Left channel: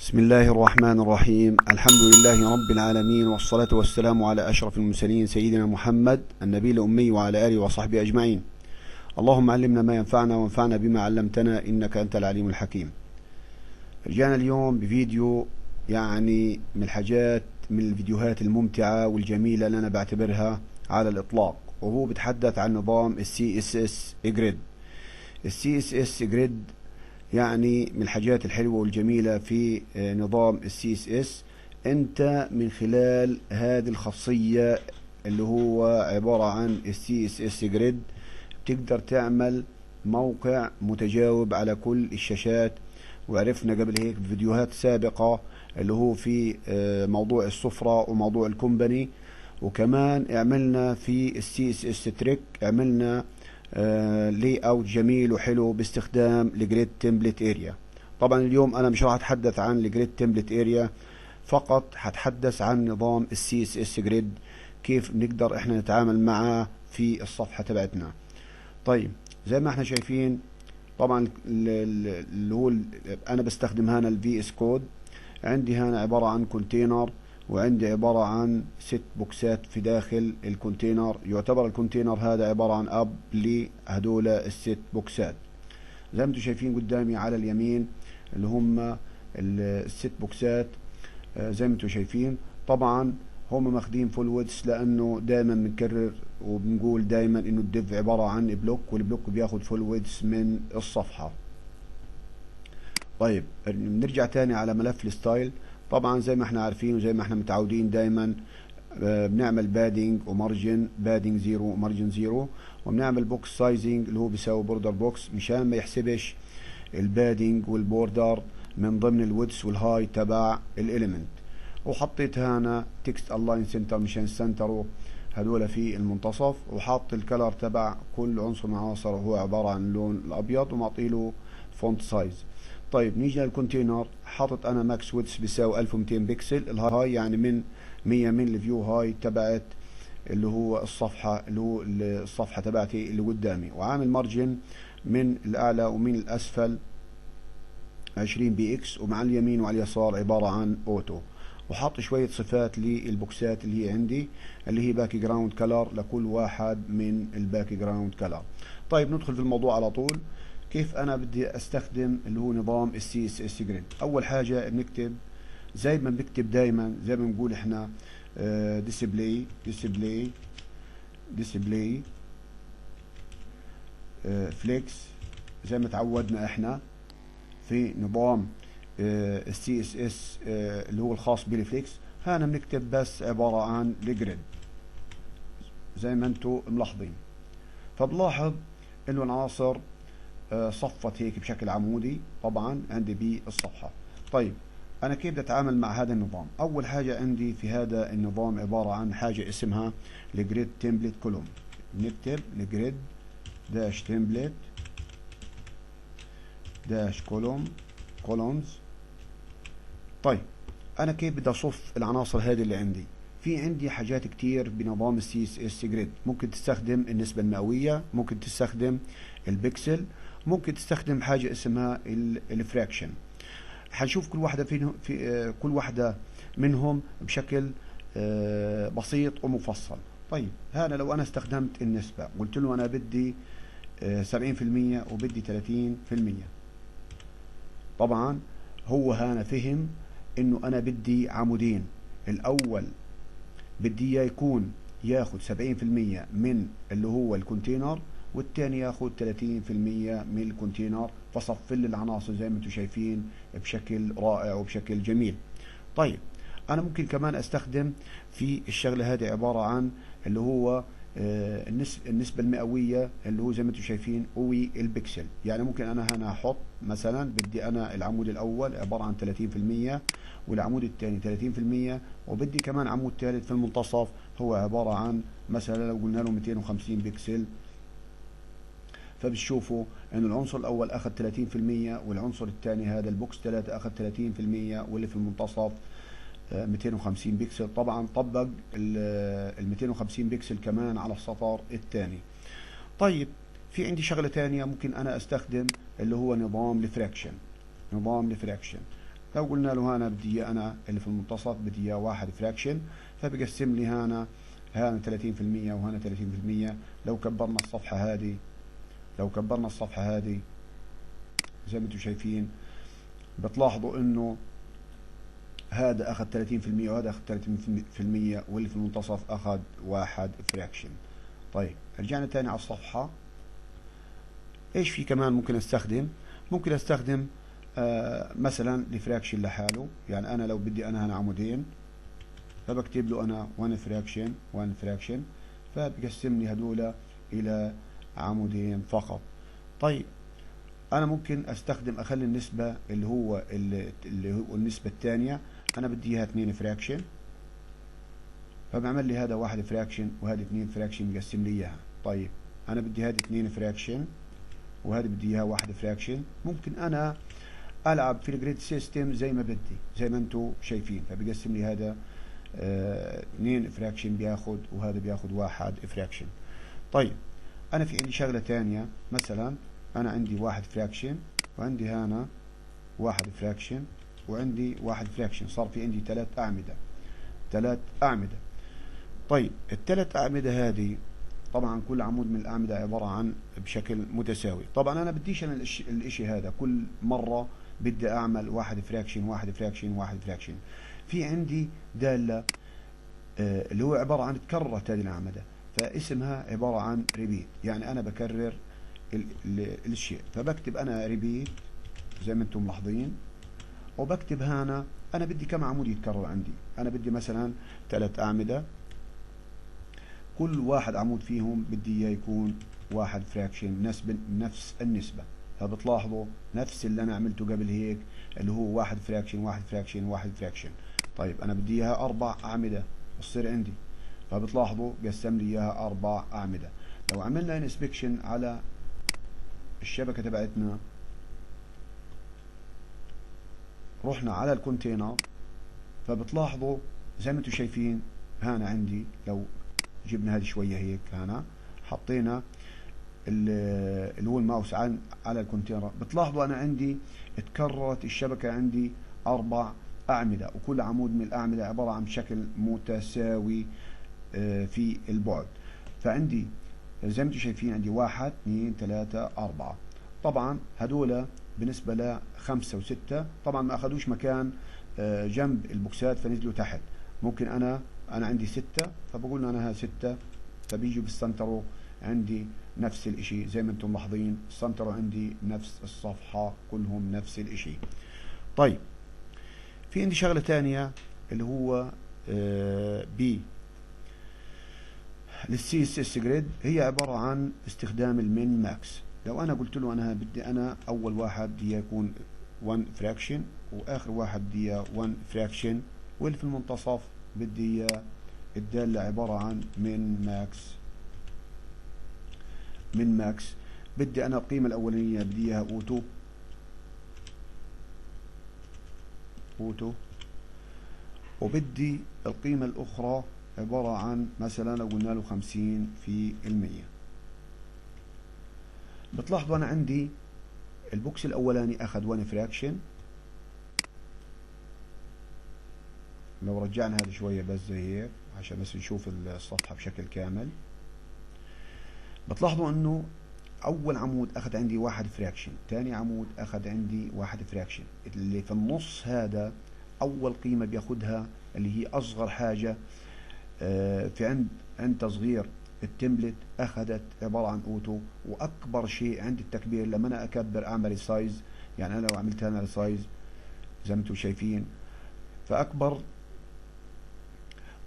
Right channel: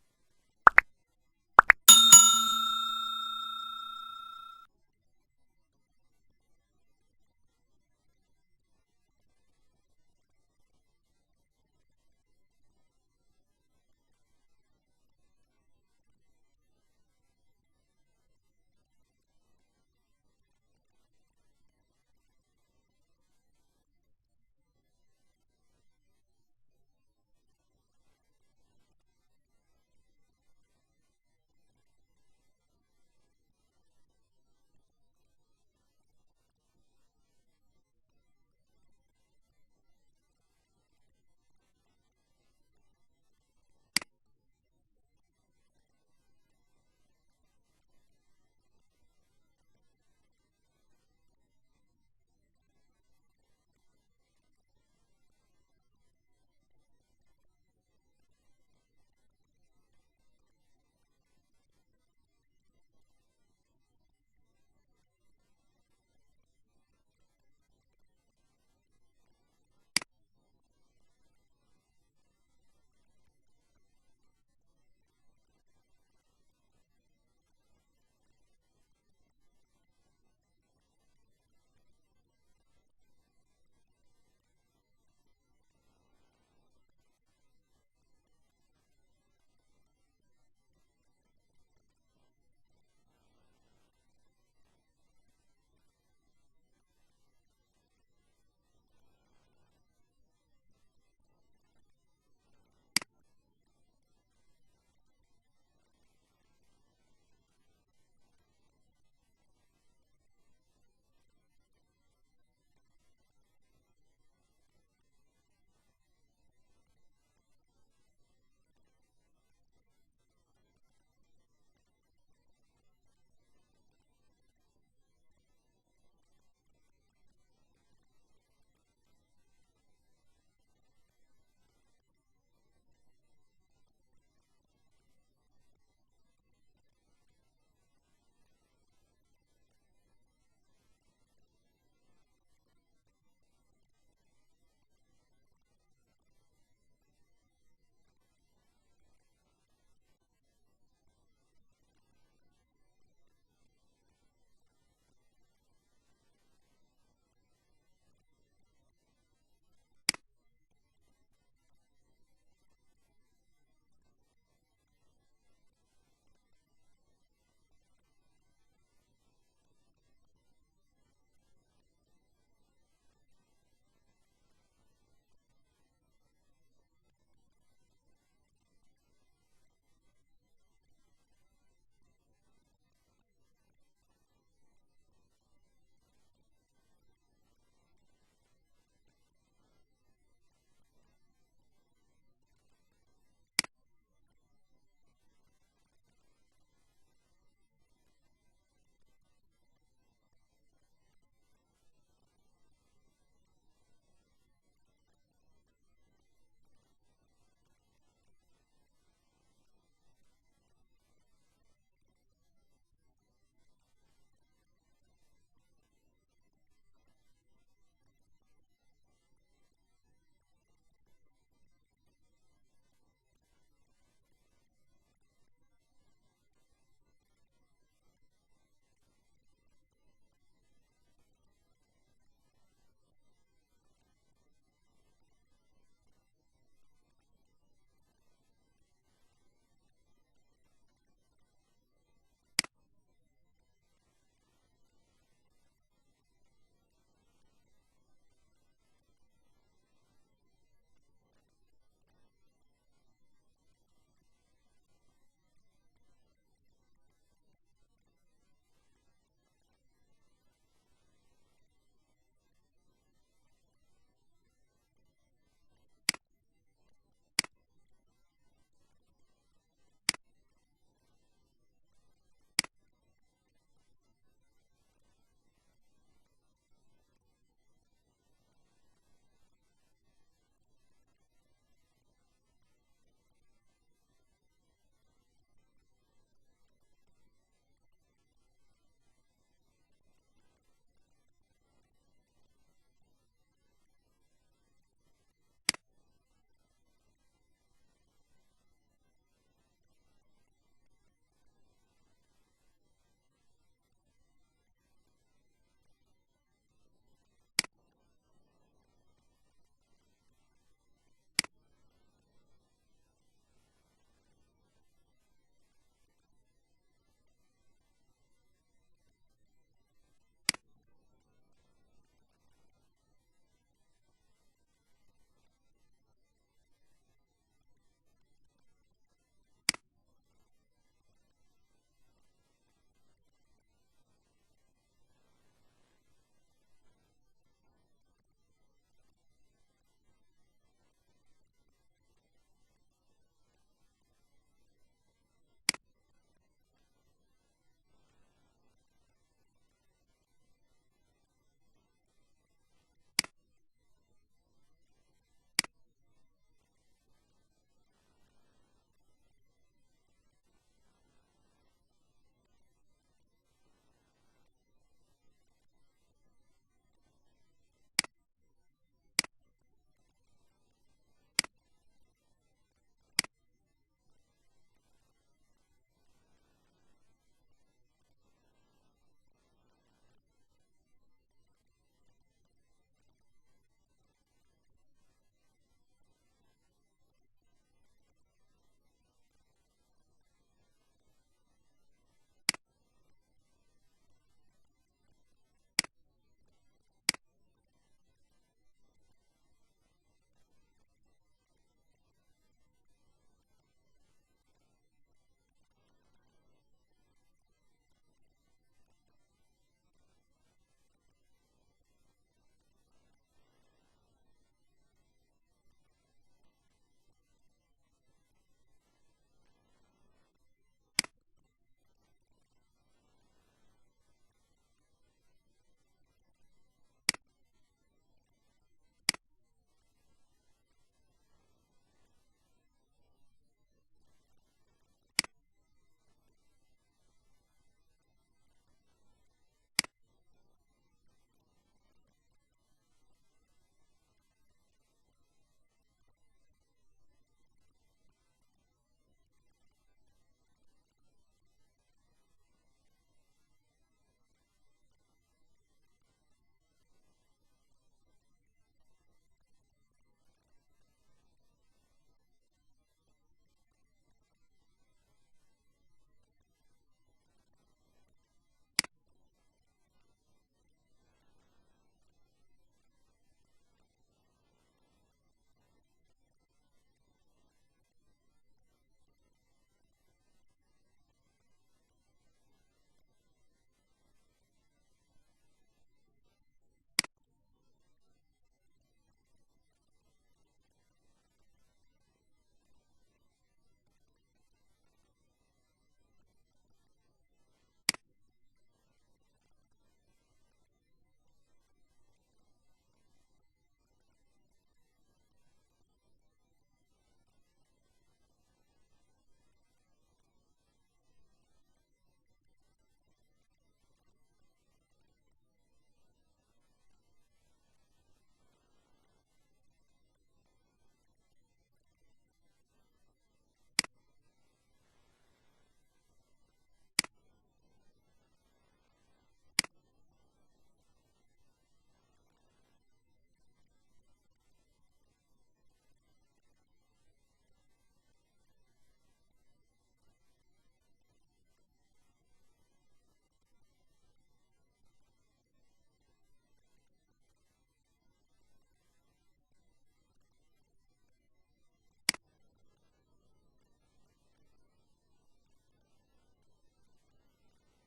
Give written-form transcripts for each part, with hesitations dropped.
بسم الله الرحمن الرحيم. الحمد لله رب العالمين، والصلاة والسلام على أشرف المرسلين سيدنا محمد النبي الأمي وعلى آله وصحبه أجمعين. اللهم علمنا ما ينفعنا وانفعنا بما علمتنا إنك أنت العليم الحكيم. رجعنا اليوم بفيديو من الفيديوهات الممتعة والجميلة اللي أنا بعتبرها على الإطلاق، وهو بيتحدث عن نظام CSS Grid. CSS Grid يعني من الحاجات الحلوة والجميلة في نظام CSS. انت من خلال هذه الخاصية اللي هو عبارة عن CSS Grid بتقدر تعمل موقع متجاوب على كل الشاشات. وعرفنا قبل هيك بفيديوهات سابقة اللي هو في موضوع السفرة وموضوع الكومباني، وكمان عملنا في CSS تريك، عملنا لي اوت جميل وحلو باستخدام الجريد تمبلت اريا. طبعا اليوم انا مش راح اتحدث عن الجريد تمبلت اريا فقط، هتحدث عن نظام السي اس اس جريد، كيف بنقدر احنا نتعامل معاه في الصفحة تبعتنا. طيب زي ما احنا شايفين، طبعا اللي هو انا بستخدم هنا الفي اس كود. عندي هنا عبارة عن كونتينر، وعندي عبارة عن 6 بوكسات في داخل الكونتينر. يعتبر الكونتينر هذا عبارة عن اب لهدول الست بوكسات. زي ما انتم شايفين قدامي على اليمين اللي هم الست بوكسات. زي ما انتم شايفين طبعا هم ماخدين فول ويدث، لانه دائما بنكرر وبنقول دائما انه الديف عبارة عن بلوك، والبلوك بياخد فول ويدث من الصفحة. طيب نرجع تاني على ملف الستايل. طبعا زي ما احنا عارفين وزي ما احنا متعودين دايما بنعمل بادنج ومارجن، بادنج زيرو ومارجن زيرو، وبنعمل بوكس سايزنج اللي هو بيساوي بوردر بوكس، مشان ما يحسبش البادنج والبوردر من ضمن الويدث والهاي تبع الاليمنت. وحطيت هنا تكست الاين سنتر مشان سنتره هذول في المنتصف، وحاط الكلر تبع كل عنصر من العناصر هو عبارة عن اللون الابيض، ومعطيله فونت سايز. طيب نيجي للكونتينر، حاطط انا ماكس ويدث بيساوي 1200 بكسل. الهاي يعني من 100 من الفيو هاي تبعت اللي هو الصفحة، اللي هو الصفحة تبعتي اللي قدامي، وعامل مارجن من الاعلى ومن الاسفل 20 بي اكس، ومع اليمين وعلى اليسار عبارة عن اوتو. وحاط شوية صفات للبوكسات اللي هي عندي، اللي هي باك جراوند كلر لكل واحد من الباك جراوند كلر. طيب ندخل في الموضوع على طول. كيف انا بدي استخدم اللي هو نظام السي اس اس جريد؟ اول حاجة بنكتب زي ما بنكتب دايما، زي ما بنقول احنا ديسبلاي فليكس، زي ما تعودنا احنا في نظام السي اس اس اللي هو الخاص بالفليكس. هنا بنكتب بس عبارة عن الجريد زي ما انتم ملاحظين. فبلاحظ انه العناصر صفت هيك بشكل عمودي طبعا عندي بالصفحة. طيب انا كيف بدي اتعامل مع هذا النظام؟ اول حاجة عندي في هذا النظام عبارة عن حاجة اسمها الجريد تمبلت كولوم. نكتب الجريد داش تمبلت داش كولومز. طيب انا كيف بدي اصف العناصر هذه اللي عندي؟ في عندي حاجات كتير بنظام السي اس اس جريد. ممكن تستخدم النسبة المئوية، ممكن تستخدم البكسل، ممكن تستخدم حاجة اسمها الفراكشن. حنشوف كل واحدة في كل واحدة منهم بشكل بسيط ومفصل. طيب هذا لو انا استخدمت النسبة، قلت له انا بدي 70% وبدي 30%، طبعا هو هنا فهم انه انا بدي عمودين. الاول بدي اياه يكون ياخد 70% من اللي هو الكونتينر، والتاني ياخد 30% من الكونتينر، فصف لي العناصر زي ما انتم شايفين بشكل رائع وبشكل جميل. طيب انا ممكن كمان استخدم في الشغله هذه عباره عن اللي هو النسبة المئوية اللي هو زي ما انتم شايفين والبكسل. يعني ممكن انا هنا احط مثلا بدي انا العمود الاول عبارة عن 30%، والعمود الثاني 30%، وبدي كمان عمود ثالث في المنتصف هو عبارة عن مثلا لو قلنا له 250 بكسل. فبتشوفوا ان العنصر الاول اخذ 30%، والعنصر الثاني هذا البوكس 3 اخذ 30%، واللي في المنتصف 250 بكسل. طبعا طبق ال 250 بكسل كمان على السطر الثاني. طيب في عندي شغلة ثانية ممكن انا استخدم اللي هو نظام الفراكشن. لو قلنا له هنا بدي إياه أنا اللي في المنتصف بدي إياه واحد فراكشن، فبقسم لي هنا 30% وهنا 30%. لو كبرنا الصفحة هذه، زي ما انتم شايفين بتلاحظوا انه هذا اخذ 30% وهذا اخذ 30%، واللي في المنتصف اخذ واحد فراكشن. طيب رجعنا تاني على الصفحة. ايش في كمان ممكن استخدم؟ ممكن استخدم مثلا الفراكشن لحاله. يعني انا لو بدي انا هنا عمودين، فبكتب له انا 1 فراكشن، فبقسم لي هذول الى عمودين فقط. طيب انا ممكن استخدم اخلي النسبة اللي هو النسبة الثانية انا بدي اياها 2 فراكشن، فبعمل لي هذا 1 فراكشن وهذه 2 فراكشن بقسم لي اياها. طيب انا بدي هذه 2 فراكشن وهذه بدي اياها 1 فراكشن. ممكن انا العب في الجريد سيستم زي ما بدي، زي ما انتم شايفين. فبقسم لي هذا 2 فراكشن بياخد، وهذا بياخد 1 فراكشن. طيب انا في عندي شغلة تانية، مثلا انا عندي 1 فراكشن وعندي هنا 1 فراكشن وعندي 1 فراكشن، صار في عندي 3 أعمدة. طيب الثلاث أعمدة هذه طبعا كل عمود من الأعمدة عبارة عن بشكل متساوي. طبعا أنا بديش أنا الإشي هذا كل مرة بدي أعمل 1 فراكشن 1 فراكشن 1 فراكشن. في عندي دالة اللي هو عبارة عن تكررت هذه الأعمدة، فاسمها عبارة عن ريبيت، يعني أنا بكرر الشيء. فبكتب أنا ريبيت زي ما أنتم ملاحظين، وبكتب هنا أنا بدي كم عمود يتكرر عندي. أنا بدي مثلا 3 أعمدة، كل واحد عمود فيهم بدي إياه يكون 1 فراكشن نفس النسبة. فبتلاحظوا نفس اللي أنا عملته قبل هيك، اللي هو 1 فراكشن 1 فراكشن 1 فراكشن. طيب أنا بدي إياها 4 أعمدة تصير عندي، فبتلاحظوا قسم لي إياها 4 أعمدة. لو عملنا انسبكشن على الشبكة تبعتنا، رحنا على الكونتينر، فبتلاحظوا زي ما انتم شايفين هنا عندي، لو جبنا هذه شوية هيك هنا حطينا اللي هو الماوس على الكونتينر، بتلاحظوا انا عندي اتكررت الشبكة عندي 4 أعمدة، وكل عمود من الأعمدة عبارة عن شكل متساوي في البعد. فعندي زي ما انتم شايفين عندي 1 2 3 4. طبعا هذول بالنسبة ل 5 و 6 طبعا ما اخذوش مكان جنب البوكسات فنزلوا تحت. ممكن انا عندي 6، فبقول انا ها 6، فبيجوا بالسنترو عندي نفس الاشي زي ما انتم ملاحظين، السنترو عندي نفس الصفحة كلهم نفس الاشي. طيب في عندي شغلة تانية اللي هو بي للسي اس اس جريد، هي عبارة عن استخدام المين ماكس. لو انا قلت له انا بدي انا اول واحد بدي يكون 1 فراكشن واخر واحد بدي 1 فراكشن، واللي في المنتصف بدي الدالة عبارة عن من ماكس. بدي انا القيمة الاولانية بدي اياها اوتو، وبدي القيمة الاخرى عبارة عن مثلا لو قلنا له 50%. بتلاحظوا انا عندي البوكس الاولاني اخذ 1 فراكشن. لو رجعنا هذا شوية بس زي هيك عشان بس نشوف الصفحة بشكل كامل، بتلاحظوا انه اول عمود اخذ عندي 1 فراكشن، ثاني عمود اخذ عندي 1 فراكشن. اللي في النص هذا اول قيمة بياخدها اللي هي اصغر حاجة في عند تصغير التمبلت اخذت عبارة عن اوتو. واكبر شيء عند التكبير لما انا اكبر اعمل سايز، يعني انا لو عملت هنا سايز زي ما انتم شايفين، فاكبر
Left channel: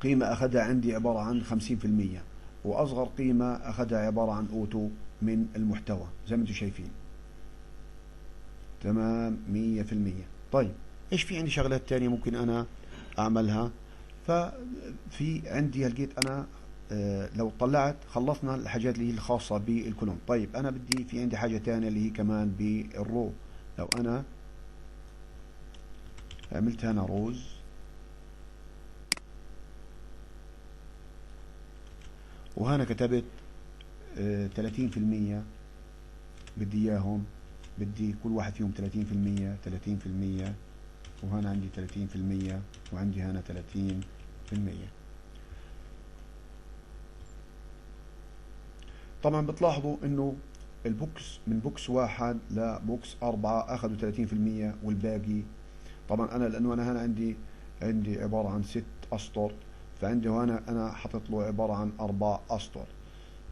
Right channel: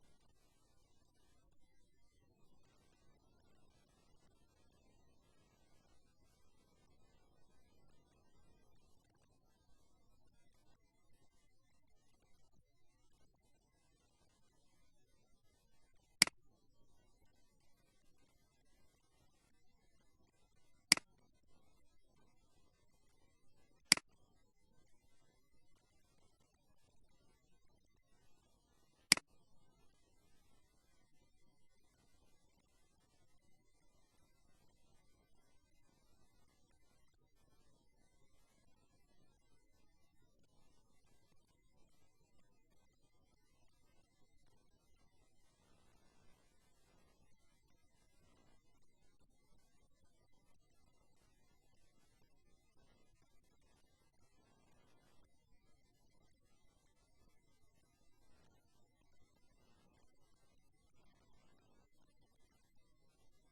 قيمة اخذها عندي عبارة عن 50%، واصغر قيمة اخذها عبارة عن اوتو من المحتوى زي ما انتم شايفين. تمام 100%. طيب ايش في عندي شغلات تانية ممكن انا اعملها؟ ففي عندي لقيت انا لو طلعت خلصنا الحاجات اللي هي الخاصة بالكولوم. طيب انا بدي في عندي حاجة تانية اللي هي كمان بالرو. لو انا عملت هنا روز، وهنا كتبت 30% بدي اياهم، بدي كل واحد فيهم 30%. وهنا عندي 30% وعندي هنا 30%. طبعا بتلاحظوا انه البوكس من بوكس 1 لبوكس 4 اخذوا 30%، والباقي طبعا انا لانه انا هنا عندي عبارة عن 6 اسطر، فعندي هنا انا حاطط له عبارة عن 4 اسطر.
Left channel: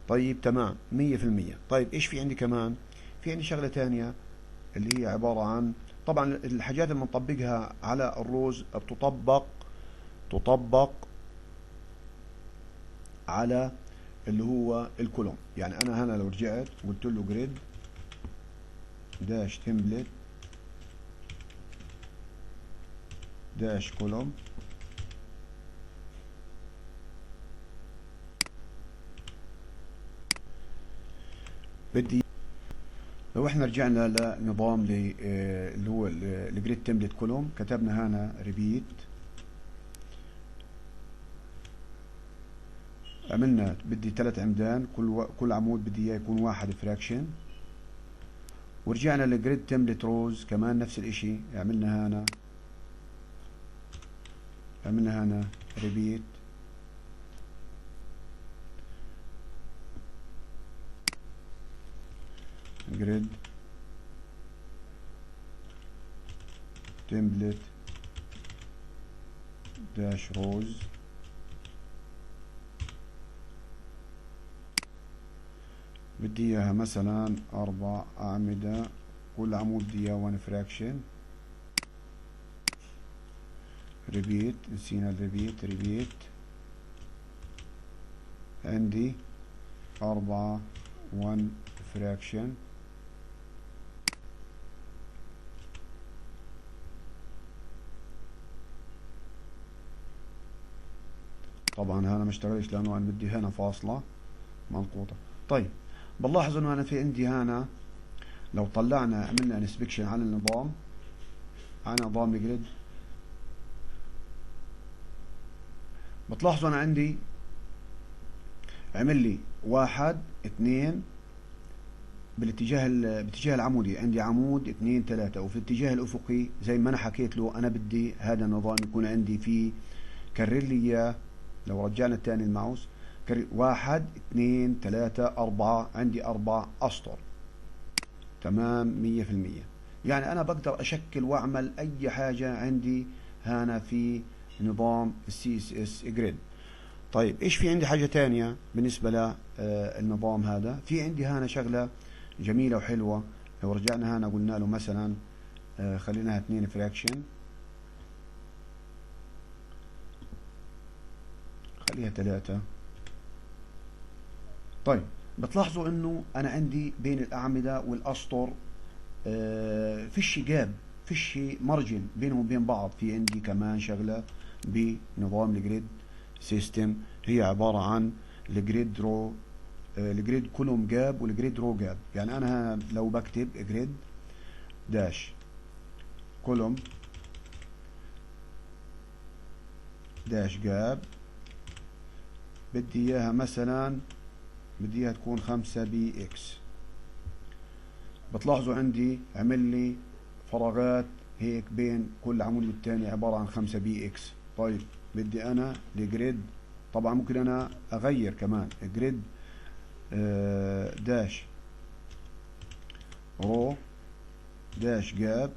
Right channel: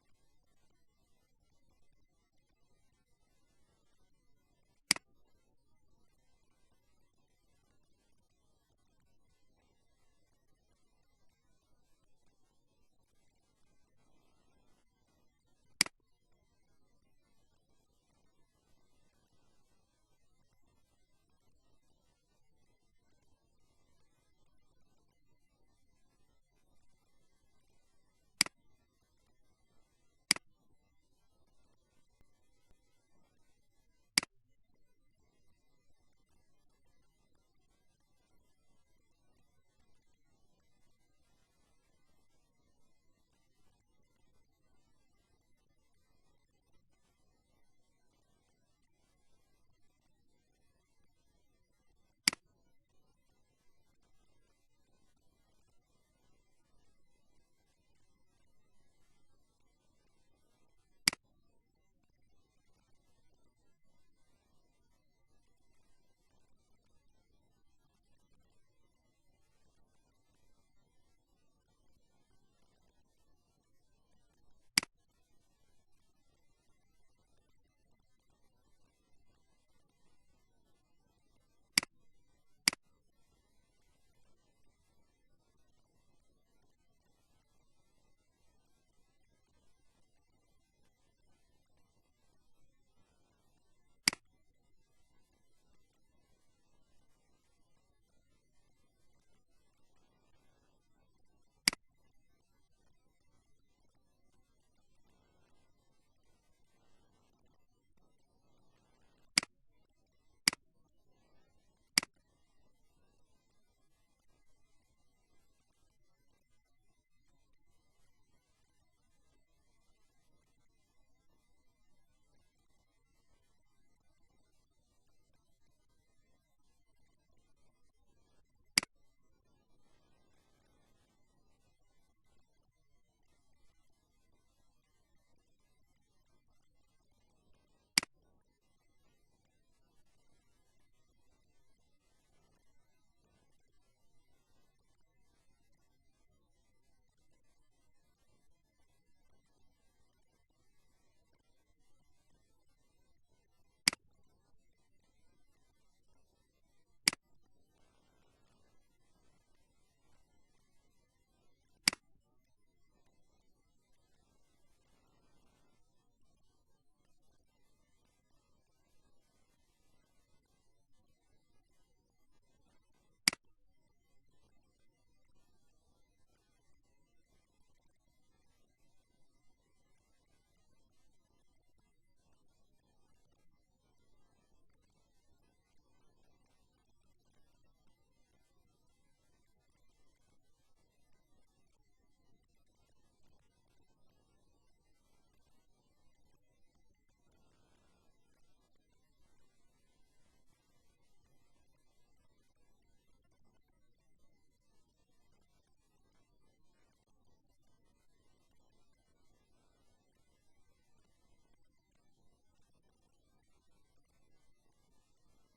طيب تمام 100%. طيب ايش في عندي كمان؟ في عندي شغلة تانية اللي هي عبارة عن، طبعا الحاجات اللي بنطبقها على الروز تطبق على اللي هو الكولوم. يعني انا هنا لو رجعت قلت له جريد داش تمبلت داش كولوم، بدي لو احنا رجعنا لنظام اللي هو الجريد تمبلت كولوم، كتبنا هنا ريبيت، عملنا بدي 3 عمدان، كل عمود بدي اياه يكون 1 فراكشن، ورجعنا لجريد تمبلت روز كمان نفس الاشي، عملنا هنا ريبيت، جريد تمبلت داش روز، بدي اياها مثلا 4 اعمدة، كل عمود بدي اياه 1 فراكشن، ريبيت، نسينا الريبيت، عندي 4 1 فراكشن، طبعا هنا ما اشتغلش لانه انا بدي هنا فاصلة منقوطة. طيب بنلاحظ انه انا في عندي هنا لو طلعنا عملنا انسبكشن على النظام، على نظام الجريد، بتلاحظوا انا عندي عمل لي 1 2 باتجاه العمودي، عندي عمود 2 3، وفي الاتجاه الافقي زي ما انا حكيت له انا بدي هذا النظام يكون عندي فيه، كرر لي اياه. لو رجعنا الثاني الماوس، 1 2 3 4، عندي 4 اسطر، تمام 100%. يعني انا بقدر اشكل واعمل اي حاجة عندي هنا في نظام السي اس اس جريد. طيب ايش في عندي حاجة تانية بالنسبة للنظام هذا؟ في عندي هنا شغلة جميلة وحلوة. لو رجعنا هنا قلنا له مثلا خليناها 2 فراكشن، خليها 3. طيب بتلاحظوا انه انا عندي بين الاعمدة والاسطر فيش جاب، فيش مارجن بينهم وبين بعض. في عندي كمان شغلة بنظام الجريد سيستم، هي عبارة عن الجريد رو، الجريد كولوم جاب والجريد رو جاب. يعني انا لو بكتب جريد داش كولوم داش جاب، بدي اياها مثلا بدي اياها تكون 5 بي اكس، بتلاحظوا عندي عمل لي فراغات هيك بين كل عمود والتاني عبارة عن 5 بي اكس. طيب بدي انا الجريد، طبعا ممكن انا اغير كمان جريد داش رو داش جاب،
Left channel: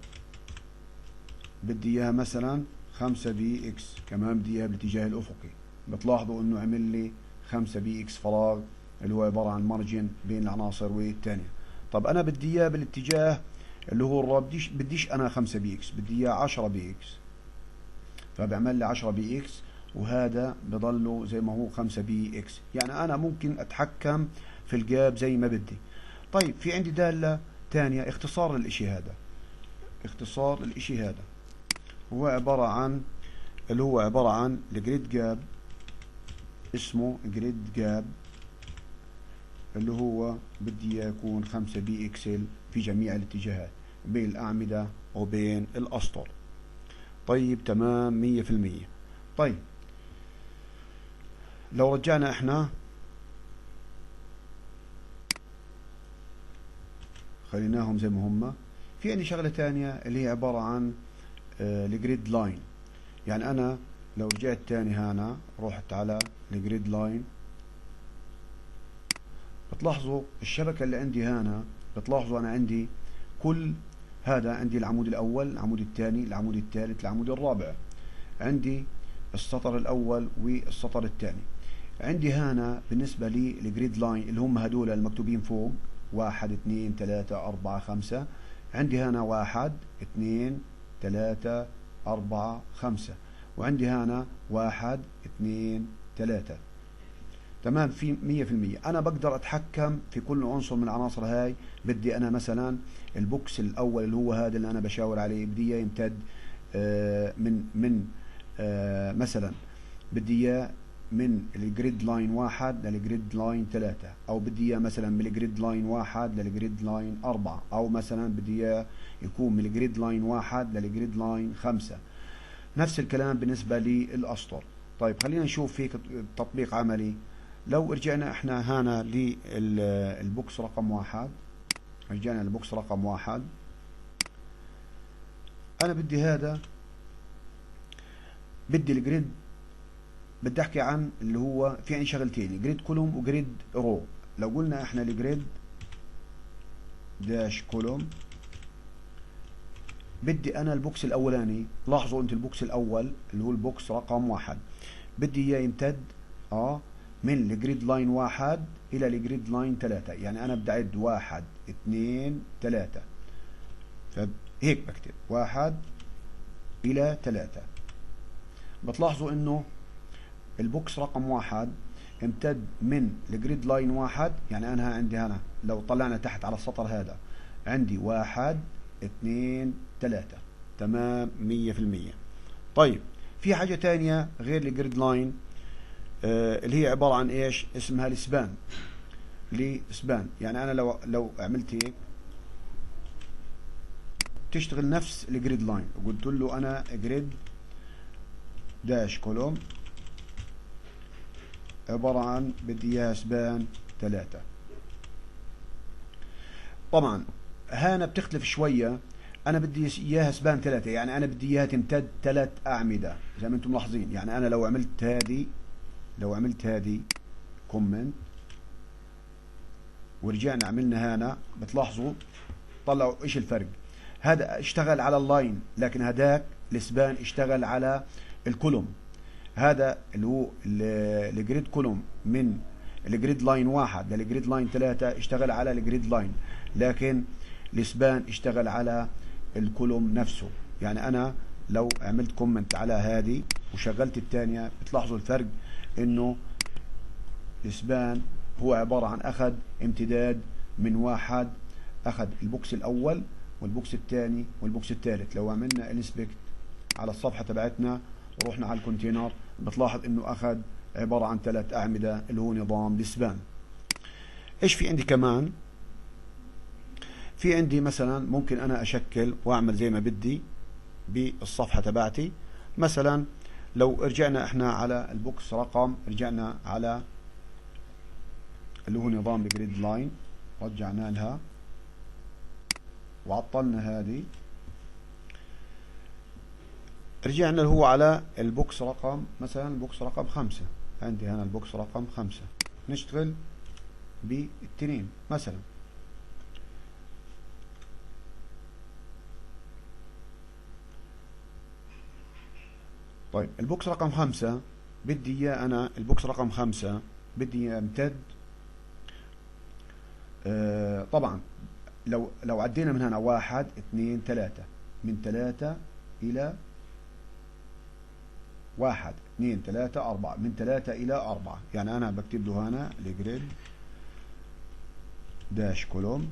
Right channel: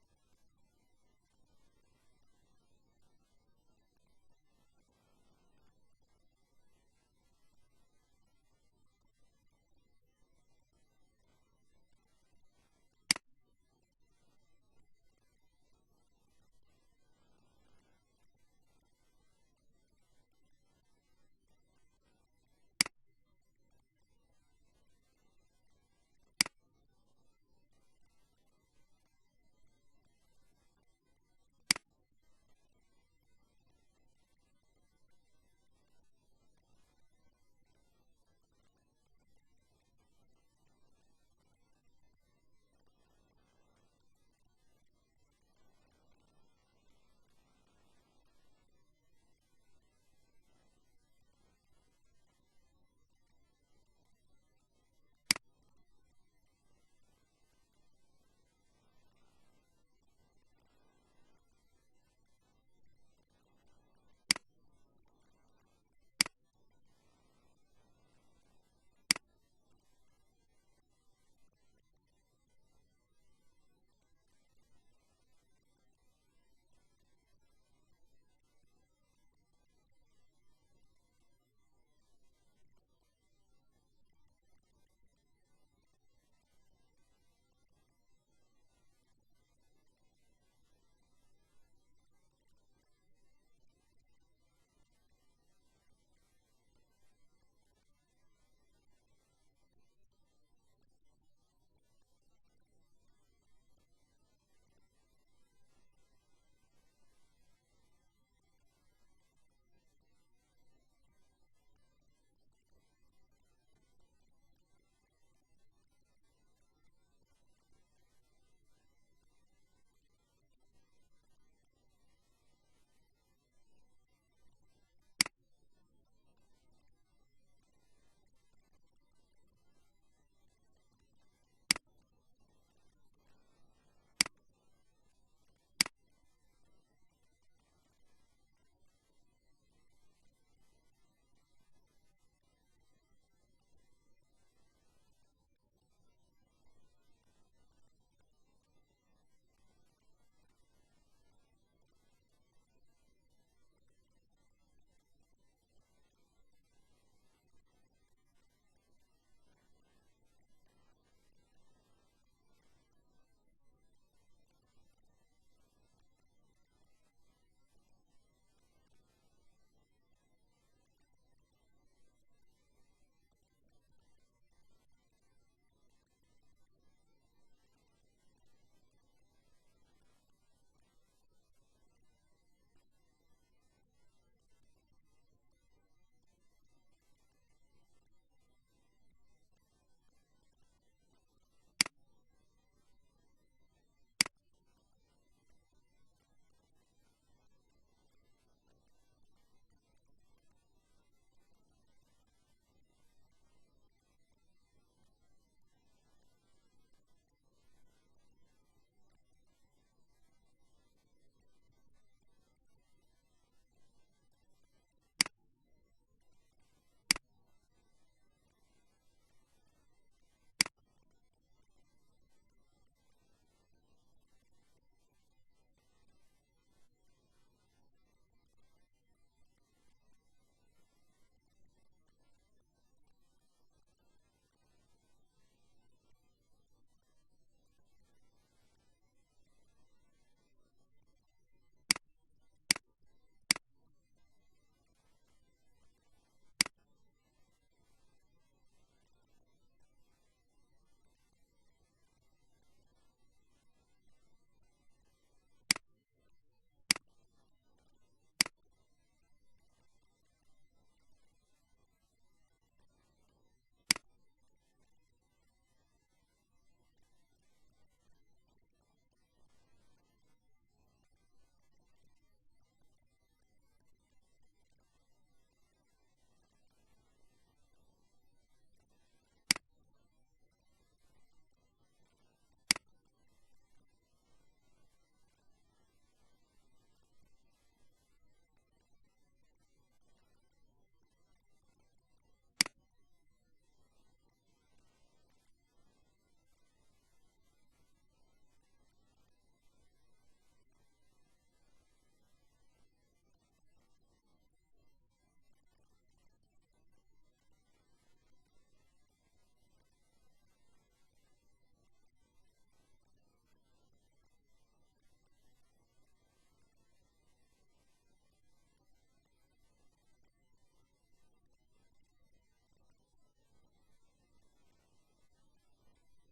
بدي اياها مثلا 5 بي اكس، كمان بدي اياها بالاتجاه الافقي. بتلاحظوا انه عمل لي 5 بي اكس فراغ اللي هو عبارة عن مارجن بين العناصر والتانية. طب انا بدي اياه بالاتجاه اللي هو الرا، بديش انا 5 بي اكس، بدي اياه 10 بي اكس، فبعمل لي 10 بي اكس، وهذا بضله زي ما هو 5 بي اكس. يعني انا ممكن اتحكم في الجاب زي ما بدي. طيب في عندي دالة تانية اختصار للاشي هذا، اختصار الاشي هذا هو عبارة عن اللي هو عبارة عن الجريد جاب، اسمه جريد جاب، اللي هو بدي يكون 5 بي اكسل في جميع الاتجاهات بين الأعمدة وبين الأسطر. طيب تمام 100%. طيب لو رجعنا احنا خليناهم زي ما هم، في عندي شغلة تانية اللي هي عبارة عن الجريد لاين. يعني انا لو رجعت تاني هنا رحت على الجريد لاين، بتلاحظوا الشبكة اللي عندي هنا، بتلاحظوا انا عندي كل هذا، عندي العمود الاول، العمود الثاني، العمود الثالث، العمود الرابع، عندي السطر الاول والسطر الثاني. عندي هنا بالنسبة لي الجريد لاين اللي هم هدول المكتوبين فوق 1 2 3 4 5، عندي هنا 1 2 3 4 5، وعندي هنا 1 2 3. تمام، في 100%. انا بقدر اتحكم في كل عنصر من العناصر هاي. بدي انا مثلا البوكس الاول اللي هو هذا اللي انا بشاور عليه، بدي اياه يمتد من مثلا بدي اياه من الجريد لاين 1 للجريد لاين 3، او بدي اياه مثلا من الجريد لاين 1 للجريد لاين 4، او مثلا بدي اياه يكون من الجريد لاين 1 للجريد لاين 5. نفس الكلام بالنسبة للأسطر. طيب خلينا نشوف في تطبيق عملي. لو رجعنا احنا هنا للبوكس رقم 1، رجعنا للبوكس رقم 1، انا بدي هذا، بدي الجريد، بدي احكي عن اللي هو في عندي شغلتين، جريد كولوم وجريد رو. لو قلنا احنا الجريد داش كولوم، بدي انا البوكس الاولاني، لاحظوا انت البوكس الاول اللي هو البوكس رقم 1 بدي اياه يمتد من الجريد لاين 1 الى الجريد لاين 3. يعني انا بدي اعد 1 2 3، فهيك بكتب 1 الى 3. بتلاحظوا انه البوكس رقم 1 امتد من الجريد لاين 1. يعني انا عندي هنا لو طلعنا تحت على السطر هذا عندي 1 2 3. تمام 100%. طيب في حاجة تانية غير الجريد لاين اللي هي عبارة عن ايش؟ اسمها السبان. لسبان، يعني انا لو عملت هيك تشتغل نفس الجريد لاين، وقلت له انا جريد داش كولوم عبارة عن بدي اياها سبان 3. طبعا هنا بتختلف شوية، انا بدي اياها سبان 3، يعني انا بدي اياها تمتد 3 اعمدة زي ما انتم ملاحظين. يعني انا لو عملت هذه كومنت ورجعنا عملنا هنا، بتلاحظوا طلعوا ايش الفرق. هذا اشتغل على اللاين، لكن هذاك السبان اشتغل على الكولوم. هذا اللي هو الجريد كولوم من الجريد لاين 1 للجريد لاين 3 اشتغل على الجريد لاين، لكن السبان اشتغل على الكولوم نفسه. يعني انا لو عملت كومنت على هذه وشغلت الثانيه، بتلاحظوا الفرق، انه السبان هو عبارة عن اخذ امتداد من 1، اخذ البوكس الاول والبوكس الثاني والبوكس الثالث. لو عملنا انسبكت على الصفحة تبعتنا ورحنا على الكونتينر، بتلاحظ انه اخذ عبارة عن 3 اعمدة اللي هو نظام السبان. ايش في عندي كمان؟ في عندي مثلا ممكن انا اشكل واعمل زي ما بدي بالصفحة تبعتي. مثلا لو رجعنا احنا على البوكس رقم، رجعنا على اللي هو نظام الجريد لاين، رجعنا لها وعطلنا هذه، رجعنا اللي هو على البوكس رقم، مثلا البوكس رقم 5، عندي هنا البوكس رقم 5، نشتغل بالتنين مثلا. طيب البوكس رقم 5 بدي اياه انا، البوكس رقم 5 بدي يمتد طبعا لو عدينا من هنا 1 2 3، من 3 إلى 1 2 3 4، من 3 إلى 4. يعني أنا بكتب له هنا الجريد داش كولوم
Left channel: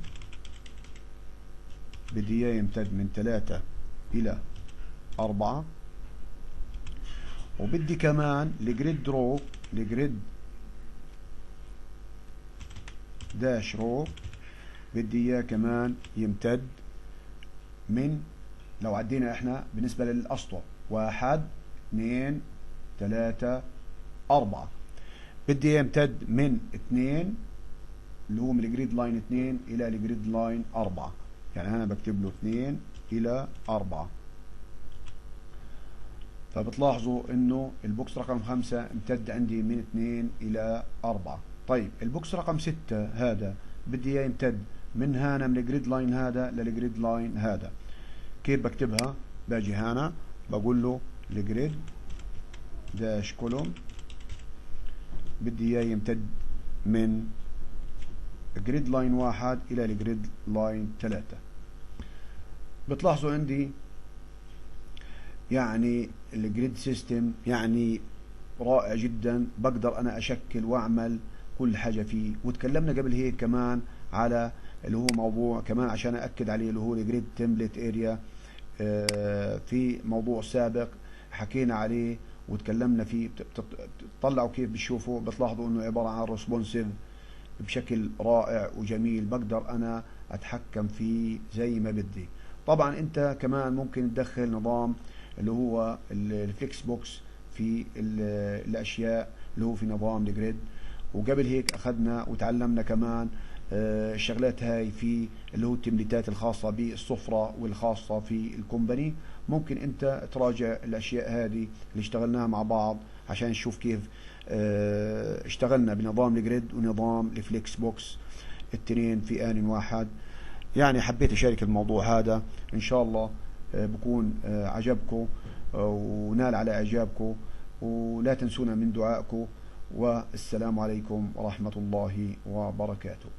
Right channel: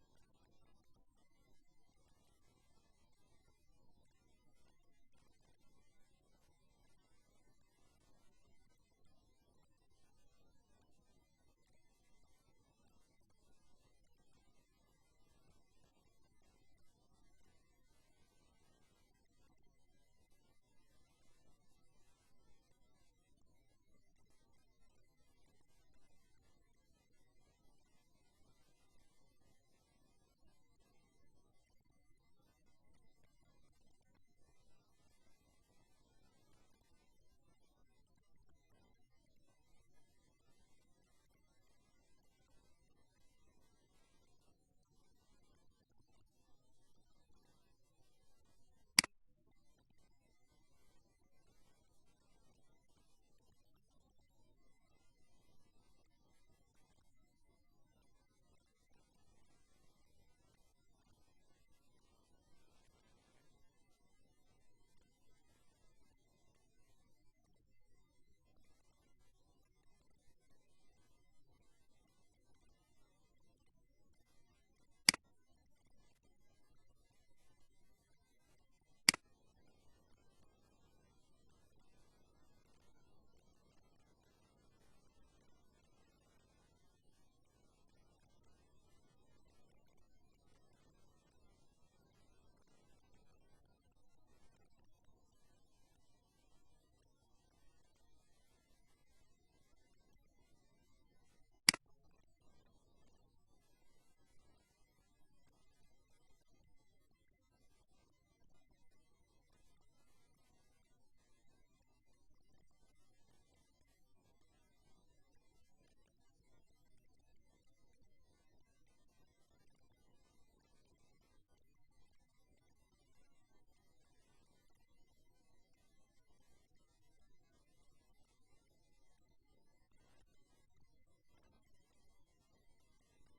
بدي إياه يمتد من 3 إلى 4، وبدي كمان الجريد رو، الجريد داش رو بدي اياه كمان يمتد من، لو عدينا احنا بالنسبة للأسطر 1 2 3 4، بدي اياه يمتد من 2 اللي هو من الجريد لاين 2 إلى الجريد لاين 4. يعني أنا بكتب له 2 إلى 4. فبتلاحظوا انه البوكس رقم 5 امتد عندي من 2 الى 4. طيب البوكس رقم 6 هذا بدي اياه يمتد من هنا من الجريد لاين هذا للجريد لاين هذا. كيف بكتبها؟ باجي هنا بقول له الجريد داش كولوم بدي اياه يمتد من جريد لاين 1 الى الجريد لاين 3. بتلاحظوا عندي يعني الجريد سيستم يعني رائع جدا، بقدر انا اشكل واعمل كل حاجه فيه. وتكلمنا قبل هيك كمان على اللي هو موضوع كمان عشان اكد عليه اللي هو الجريد تمبلت اريا. في موضوع سابق حكينا عليه وتكلمنا فيه. بتطلعوا كيف بتشوفوا، بتلاحظوا انه عباره عن ريسبونسيف بشكل رائع وجميل، بقدر انا اتحكم فيه زي ما بدي. طبعا انت كمان ممكن تدخل نظام اللي هو الفليكس بوكس في الاشياء اللي هو في نظام الجريد. وقبل هيك اخذنا وتعلمنا كمان الشغلات هاي في اللي هو التمليتات الخاصة بالسفرة والخاصة في الكومباني. ممكن انت تراجع الاشياء هذه اللي اشتغلناها مع بعض عشان نشوف كيف اشتغلنا بنظام الجريد ونظام الفليكس بوكس التنين في آن واحد. يعني حبيت اشارك الموضوع هذا، ان شاء الله بكون عجبكم ونال على اعجابكم، ولا تنسونا من دعائكم. والسلام عليكم ورحمة الله وبركاته.